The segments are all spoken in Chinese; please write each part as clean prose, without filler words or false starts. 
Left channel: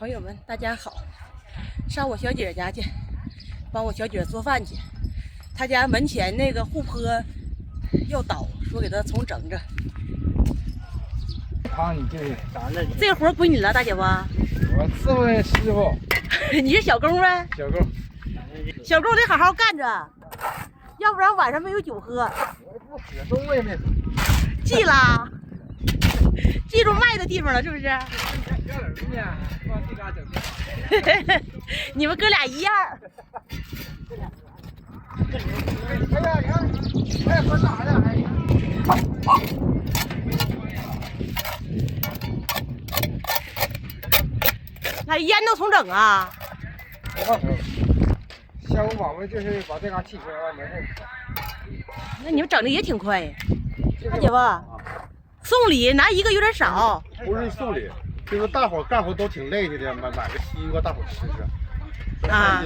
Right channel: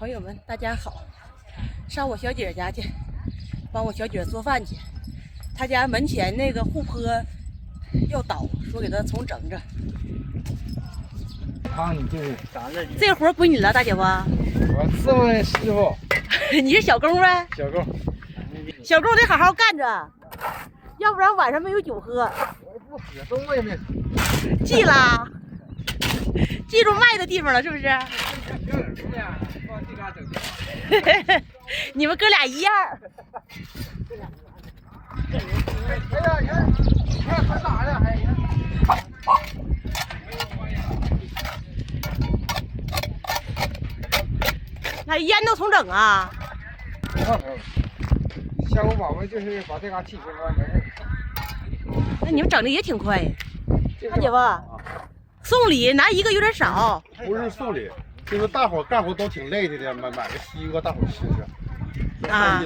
朋友们，大家好！上我小姐家去，帮我小姐做饭去。她家门前那个护坡要倒，说给她重整着。帮你就是咱这这个活归你了，大姐夫。我伺候师傅，你是小工呗？小工，小工得好好干着，要不然晚上没有酒喝。我不喝，中午也没喝。记了，记住卖的地方了，是不是？你们哥俩一样。哎呀，你看，还喝哪了？还。那烟都重整啊？不上头。下午宝宝就是把这嘎气消了，没事。那你们整的也挺快呀，大姐夫。送礼拿一个有点少。不是送礼，就是大伙干活都挺累的，买个西瓜大伙吃吃。啊。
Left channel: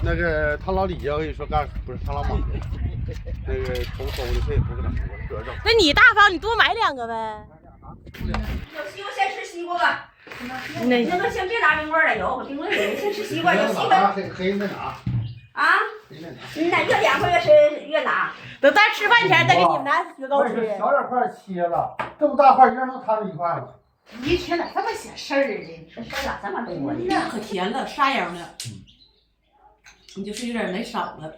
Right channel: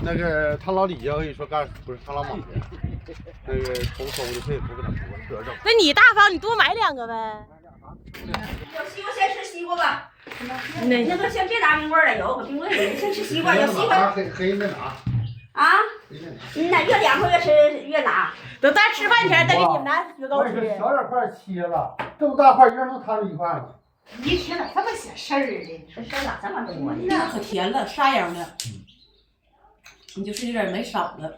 那个他老李呀，我跟你说不是他老马的，那个收的费不给他说，整。那你大方，你多买2个呗。有西瓜先吃西瓜吧。那都先别拿冰棍了，有冰棍有，先吃西瓜，有西瓜。黑的拿。啊？你哪越凉快越吃越拿。等咱吃饭前再给你们拿雪糕吃。小点块切了，这么大块一人能摊出1块吗？一天咋这么些事儿呢？这事儿咋这么多呢？那可甜了，沙瓤的。你就是有点买少了。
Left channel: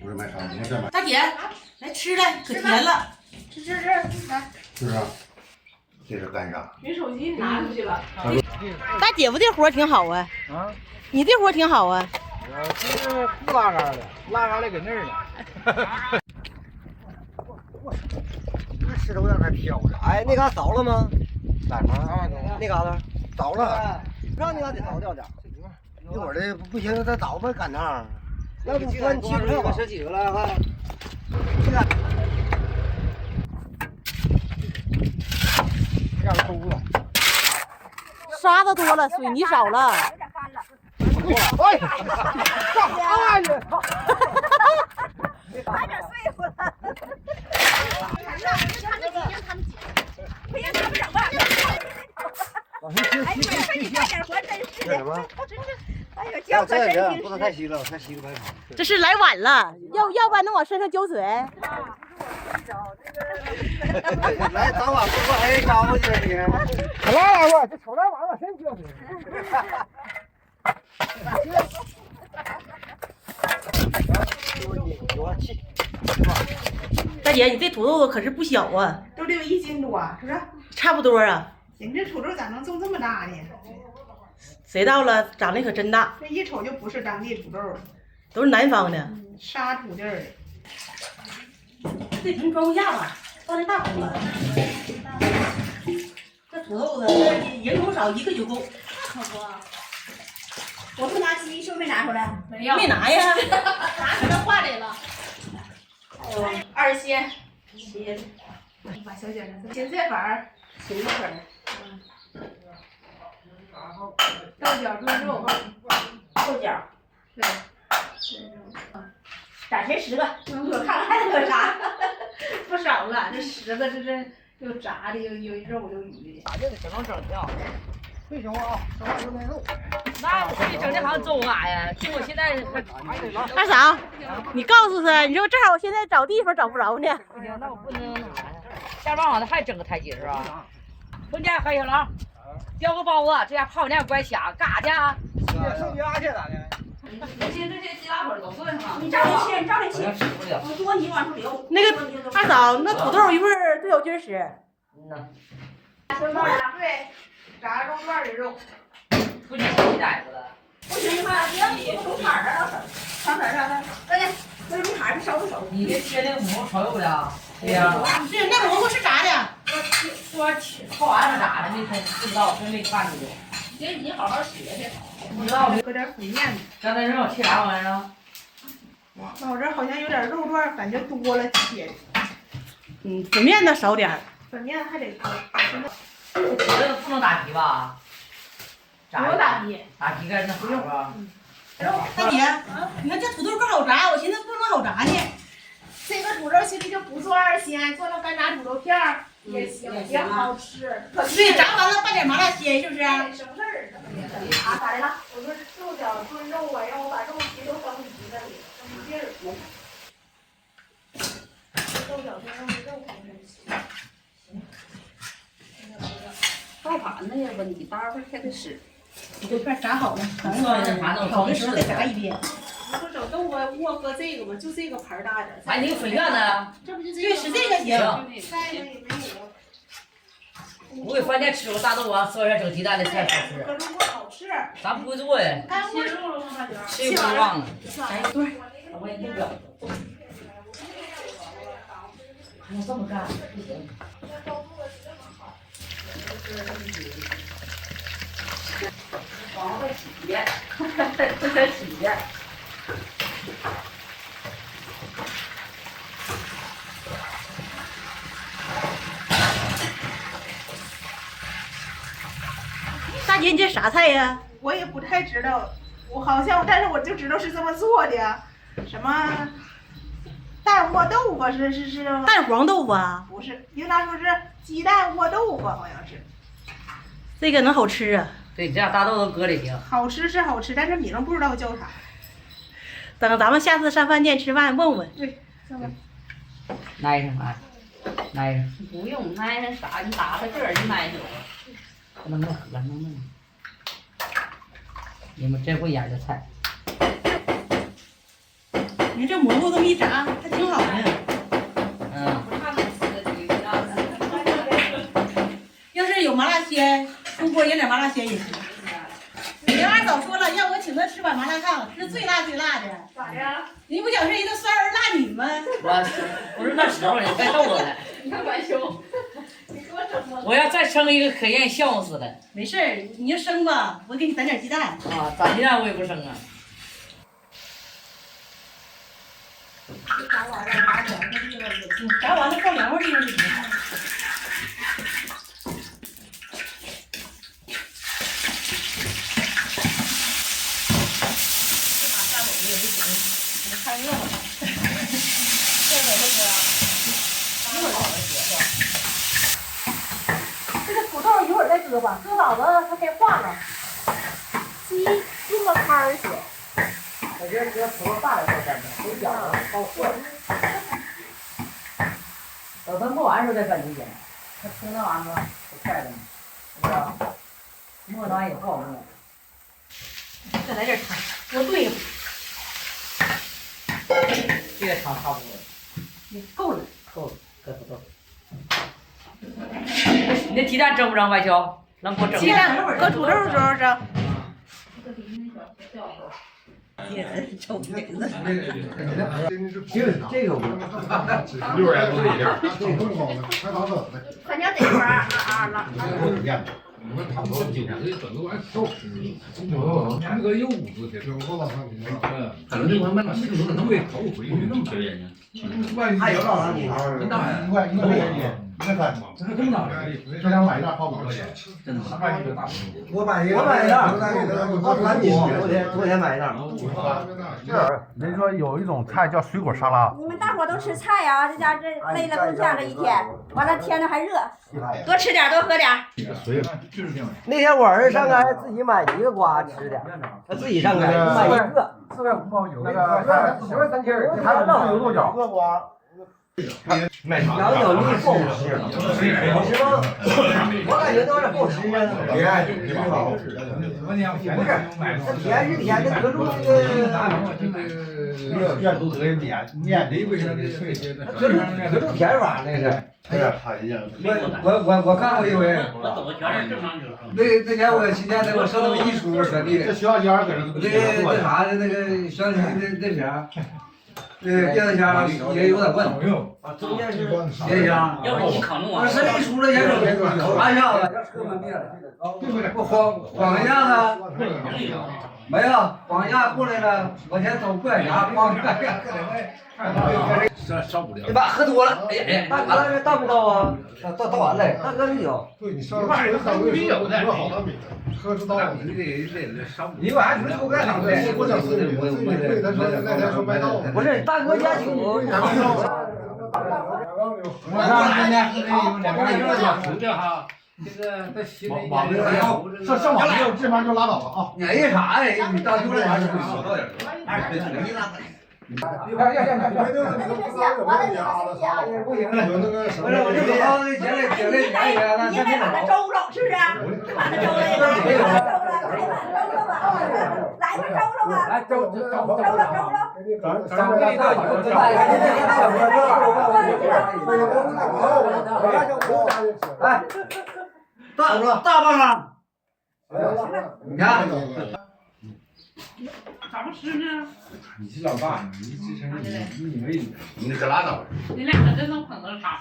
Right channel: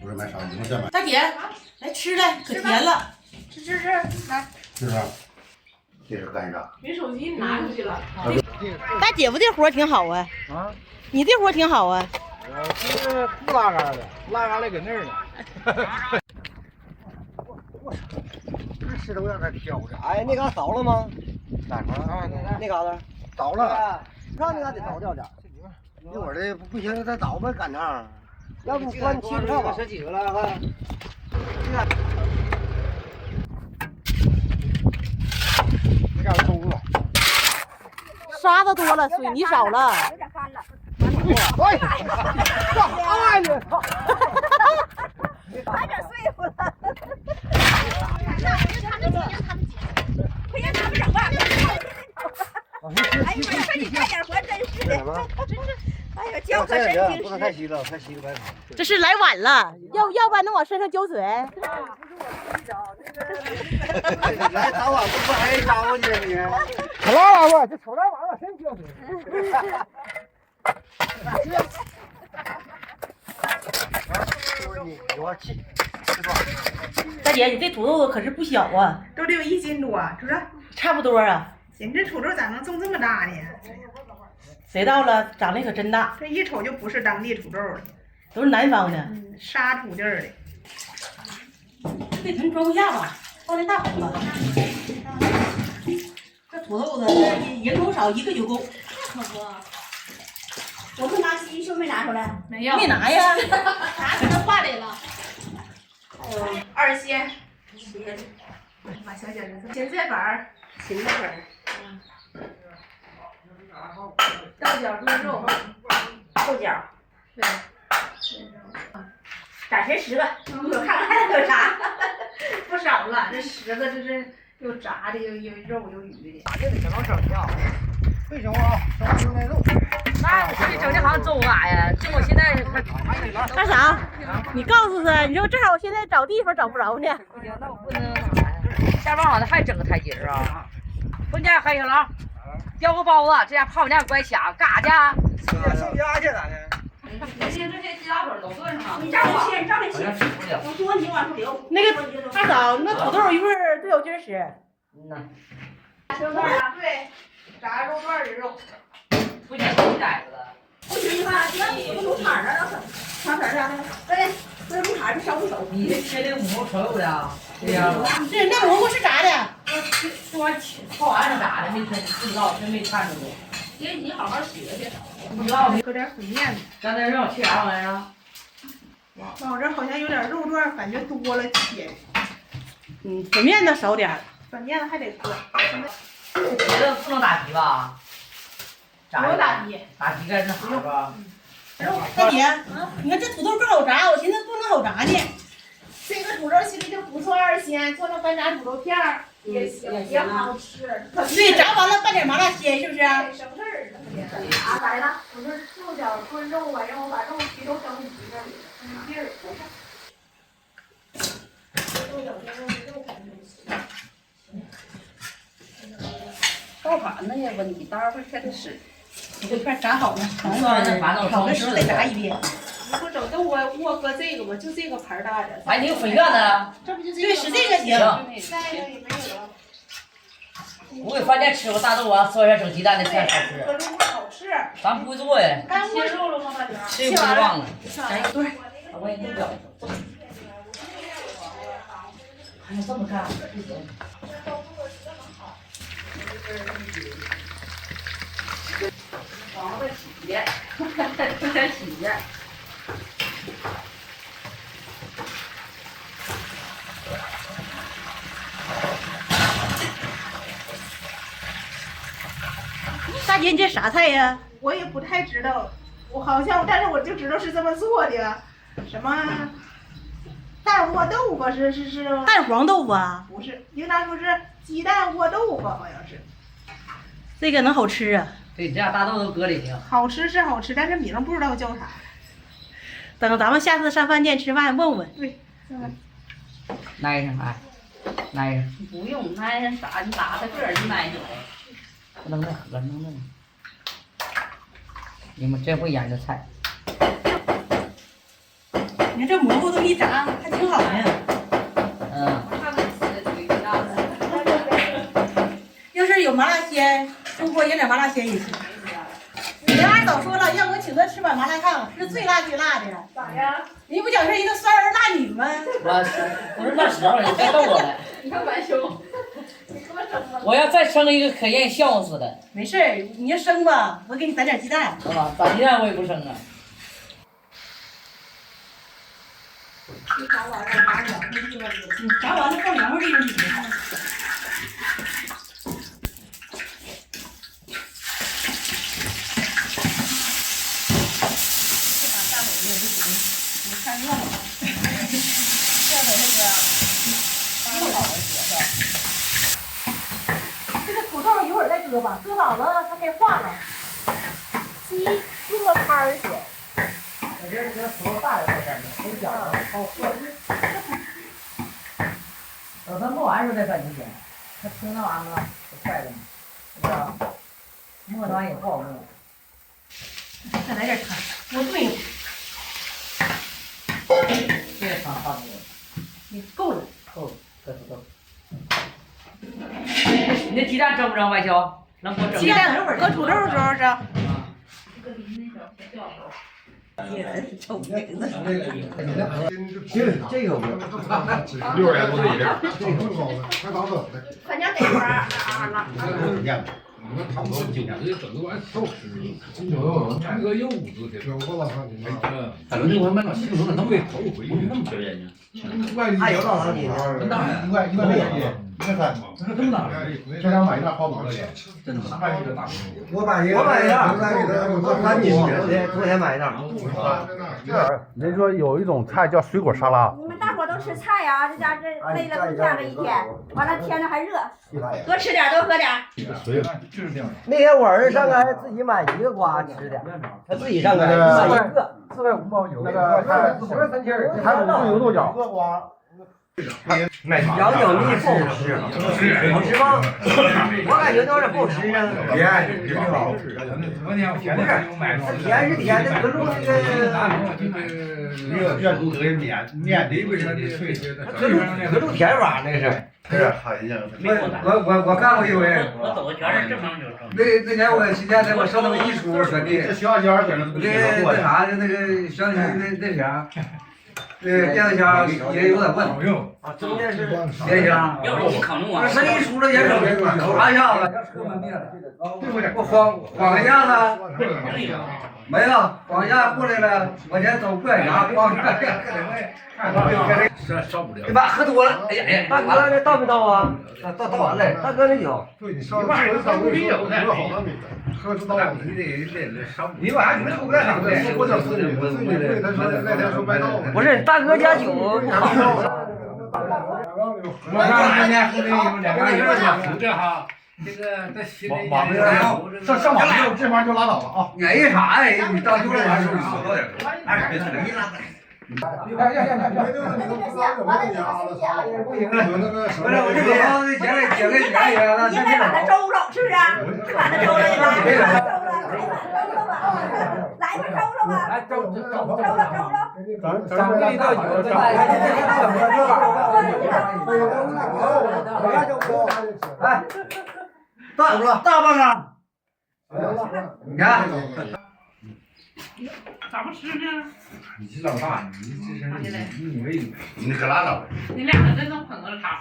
不是买少，你们再买。大姐，来吃来，可甜了。吃，来。是不是？这是干啥？人手机拿出去了。大姐夫这活挺好啊。啊？你这活挺好啊。我这是不拉杆的，拉杆的搁那儿呢。这吃的有点太飘了。哎，那嘎凿了吗？哪儿？那嘎达凿了，让那嘎得凿掉点。一会儿的不行，再凿呗，赶趟。要不翻切不上吧？几个了？看。有点松了。沙子多了，水泥少了。有点干了。哎呀！哎呀！操！快点碎乎了。快让他们整吧。哎呀，你快点活，真是的。哎呀，脚可神经不能太稀了，太稀了白跑。这是来晚了，要不然能往身上浇水。来早晚不说还是招呼去你。可拉拉吧，这瞅那玩意儿真丢我气。大姐，你这土豆可是不小啊，都得有1斤多，是不是？差不多啊。你这土豆咋能种这么大呢？谁到了，长得可真大，这一瞅就不是当地土豆了，都是南方的。沙土地儿的。这盆装不下吧，放那大盆吧。这土豆子，这人多少1个就够。可不。我不拿鸡胸没拿出来。没有。没拿呀。拿出来化里了。二鲜，切的。把小卷子芹菜粉儿，芹菜粉儿。豆角炖肉，豆角。对。咋全10个？我看看还有啥？不少了，这10个这是有炸的，有肉有鱼的。打这个小能整掉。为什么啊？说那肉。那我说你整这行走啥呀？就我现在还二嫂，你告诉他，你说正好我现在找地方找不着呢。不行，那我不能那啥呀？下班好像还整个台阶儿啊！回家黑小狼，叼个包子，这家泡面乖抢，干啥去啊？上家去咋的？这些鸡拉粉都炖上了。你照着切，你照着切。我多你往出留。那个二嫂，那土豆一会儿多有劲儿使。嗯呐，肉段啊？对，炸肉段的肉。不行，你崽子了。不行吧？这龙坎儿啊，上哪上的？来，那龙坎儿烧一烧。你这切那个蘑菇瞅的？对呀。对，那蘑菇是炸的。说泡完了咋的？没看，不知道，真没看着过。你好好学学。不知道。搁点粉面子。刚才让我切啥玩意儿啊？我这好像有点肉段，感觉多了切。粉面子少点儿。粉面子还得多。这不能打皮吧？不用打皮。打皮干那啥吧？大姐，你看这土豆更好炸，我寻思不能好炸呢。这个土豆其实就不做二鲜，做成干炸土豆片儿也行，也好吃。对，炸完了拌点麻辣鲜，是不是？省事儿咋的了？我就是肉饺炖肉吧，让我把肉皮都整匀在里头，那劲儿。肉饺炖肉肯定行。爆盘子也问题，待会儿还得使。你这片炸好了，炒的时候再炸一遍。你不整豆啊窝搁这个吗？就这个盘大的。哎，你个粉圆呢？这不就对，使这个行。再一个也没有。我给饭店吃过大豆王，做点整鸡蛋的菜好吃。搁这块好吃。咱不会做呀。切肉了吗，大娟？吃也不忘了。来一个对儿。我也不表。还要这么干？不行。然后再洗一遍，再洗一遍。大姐，你这啥菜呀？我也不太知道，我好像，但是我就知道是这么做的，什么蛋窝豆腐是蛋黄豆腐啊？不是，应当说是鸡蛋窝豆腐，好像是。这个能好吃啊？对，这俩大豆都搁里去。好吃是好吃，但是名不知道叫啥。等咱们下次上饭店吃饭问问。对，上来。挨上来，挨上。不用挨上啥，你打他个儿就挨上了。不能再喝，弄。你们真会演这菜。你看这蘑菇这么一炸，还挺好呢。嗯。要是有麻辣鲜，出锅演点麻辣鲜也行。人二早说了，让我请他吃碗麻辣烫，是最辣最辣的。咋的？你不讲是一个酸儿辣女吗？我不是那时候，你别逗我了。你看管凶，你给我整了。我要再生一个可愿意笑死的。没事儿，你就生吧，我给你攒点鸡蛋。啊，咋鸡蛋我也不生啊。炸完了，炸凉快地方也行，炸完了放凉快地方就挺好。看热闹吧，这回那个一会儿这个土豆一会儿再搁吧，搁早了它该化了。鸡用个摊儿行。我觉得这个土豆大了够干的，没饺子好做。等它磨完时候再干就行，它冲那玩意儿可快了嘛，是吧？磨完也不好磨。再来点汤，多炖一会儿。这个汤差不多。你够了，够了，搁土豆。你那鸡蛋蒸不蒸？外焦能给我整？鸡蛋搁土豆的时候蒸。这个6元多一点，这么高的，还打粉的。反正得玩了。你们他们说韭菜整个玩意儿好吃，那个柚子的，有多少汤？反正我们那西头能被头回去那么便宜呢。还有多少地方？真大呀！一块1.3嘛，这么大的，这两买一袋花5块钱，真的大一个大。我买一袋，昨天买一袋。人说有一种菜叫水果沙拉。你们大伙都吃菜呀，这家这累了不干了一天，完了天上还热，多吃点，多喝点。就是这样。那天我儿子上那自己买1个瓜吃的，他自己上那买1个。那个3千，还有牛豆角，瓜。羊角蜜不好吃，好吃吗？我感觉都是不好吃呢。甜，挺好。不是，它甜是甜的，可是那个热度得面的为啥的脆？可是甜法那是。我干过一回。我走觉得正常就是。那年我去年我上那个一书说的，这学校家搁那那啥的那个小那啥。电子枪也有点问题啊，中间是电枪，要是你扛住啊，他一出了烟手，啪一下子出门灭了，我晃一下子没了，晃一下过来了，往前走快点，咣烧不了。你爸喝多了，哎呀，大哥这倒没倒啊？倒完了，大哥没有。对你烧多好汤米，喝出刀。你得烧。你晚上你们抽干啥的？我讲自己对，他说那天说卖刀呢。不是大哥家酒。我上那天喝那2个人讲出的哈，这个这新的往这上网这玩意就拉倒了啊！哎啥哎？你到就这还是少到点。不行了，不是我这个房子接来接来接来，你应该把它周了，是不是？把它周了，周了吧？来吧，周了吧？来周了。大棒啊！你看。咋不吃呢？你是老大，你这是你以为你可拉倒吧！你俩可真能捧个场。